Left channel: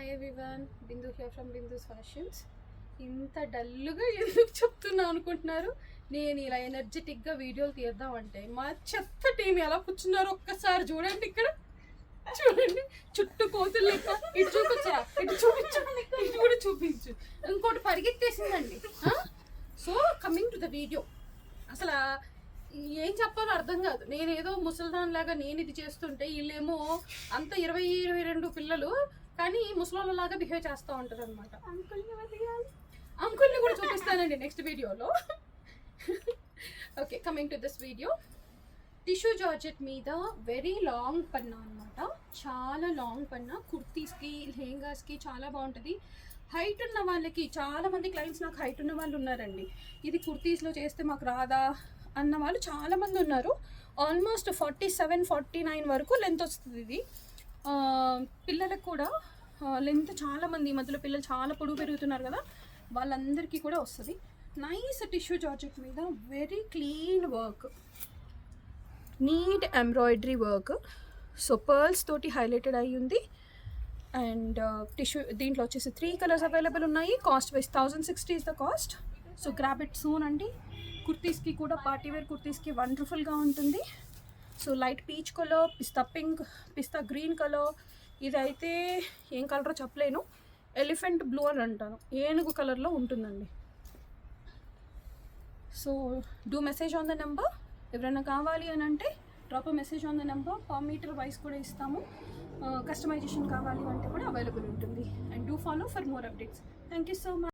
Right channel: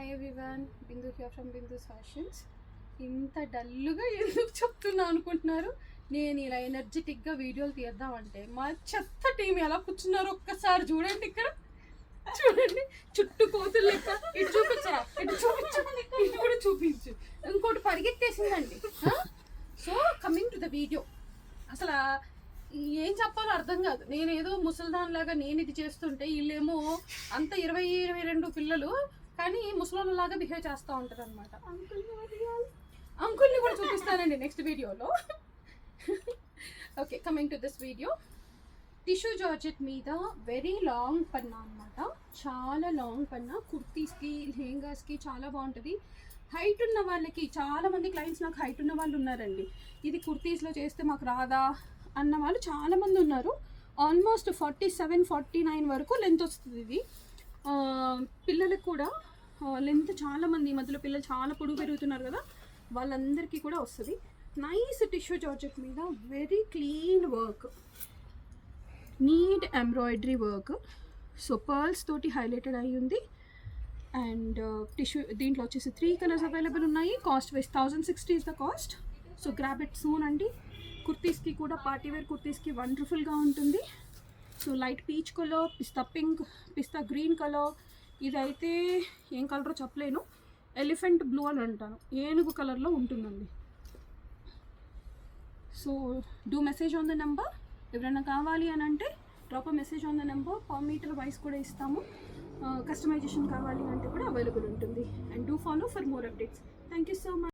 Hi everyone, Bindu here from Bindu's fashions. ఇంత డల్గా ఎందుకు చెప్తున్నా అనుకుంటున్నారు? నేను ఇలా ఎనర్జెటిక్గా వీడియోలు తీద్దామంటే మా చెత్త టీం ఎలా కూర్చున్నారో ఒక్కసారి చూడండి. ఇక్కడ చూడండి, చుట్టూ కోతులు లెక్క. ఇటు చూపించరా, ఇటు చూపించు, ఇటు కూడా చూపించు. ఇంకోటి పరిగెత్తేసిందండి. So coming to the video, అసలు ఏం చెప్పాలో అర్థం కాదు. నేనేదో ముసలిదాన్ లాగా నేను ఇది చేస్తుంటే వీళ్ళేమో అంత 20-22 పిల్లలు, కానీ ముసలోళ్ళలాగా బిహేవ్ చేస్తూ ఉంటారు అనమాట. అంకుల్ని కూడా చూపిస్తానండి నెక్స్ట్ వీడియోలో. Okay, coming to this video. Tissue georgette మీద వెరీ లాంగ్ పన్నా అనమాట, చాలా లాంగ్ పన్నా. కుర్తీస్కి, లెహెంగాస్కి చాలా బాగుంటుంది. హైట్ ఉన్న వాళ్ళకి, చాలామంది క్లయింట్స్ నాకు హైట్ ఉన్న వాళ్ళు ఉన్నారండి. ఇది కుర్తీస్లో చేస్తే మాకు రాదా అన్న వాళ్ళు చాలామంది ఉన్నారు. ఆల్మోస్ట్ 47-49 వరకు లెంత్ వస్తుంది ఇది. పిల్లలకు కూడా లెంత్ చాలామంది, ఈ మధ్యలో పిల్లలు చాలా పొడుగు పెరుగుతున్నారు కదా, వాళ్ళందరికీ కూడా వస్తుంది. నైస్ టిష్యూ జార్జెట్ మీద very clean work, neat embroidery work. So pearls తోటి హైలైటెడ్ అయ్యి ఉంది. అండ్ టిష్యూ దీంట్లో వచ్చేసి 3 కలర్స్ అవైలబుల్ ఉన్నాయి. Cost wise 1060 is the cost. So grab it soon అండి. కుర్తీస్కి కూడా, పార్టీవేర్ కుర్తీస్కి వండర్ఫుల్గా ఉంటుంది. So light peach colour, pista pink, pista green colour, ఇదైతే ఏం కలరో చెప్పలేను, ఎలిఫెంట్ బ్లూ అని అంటాను, ఏనుగు కలర్లో ఉంటుందండి. So do message on the number. ఎవరైనా కావాలి అని అంటే drop message on the number. Per metre wise కూడా ఇస్తాము. కస్టమైజేషన్ కావాలి అంటే కూడా అవైలబుల్ ఉంటుంది. And do follow for more updates. Thank you so much.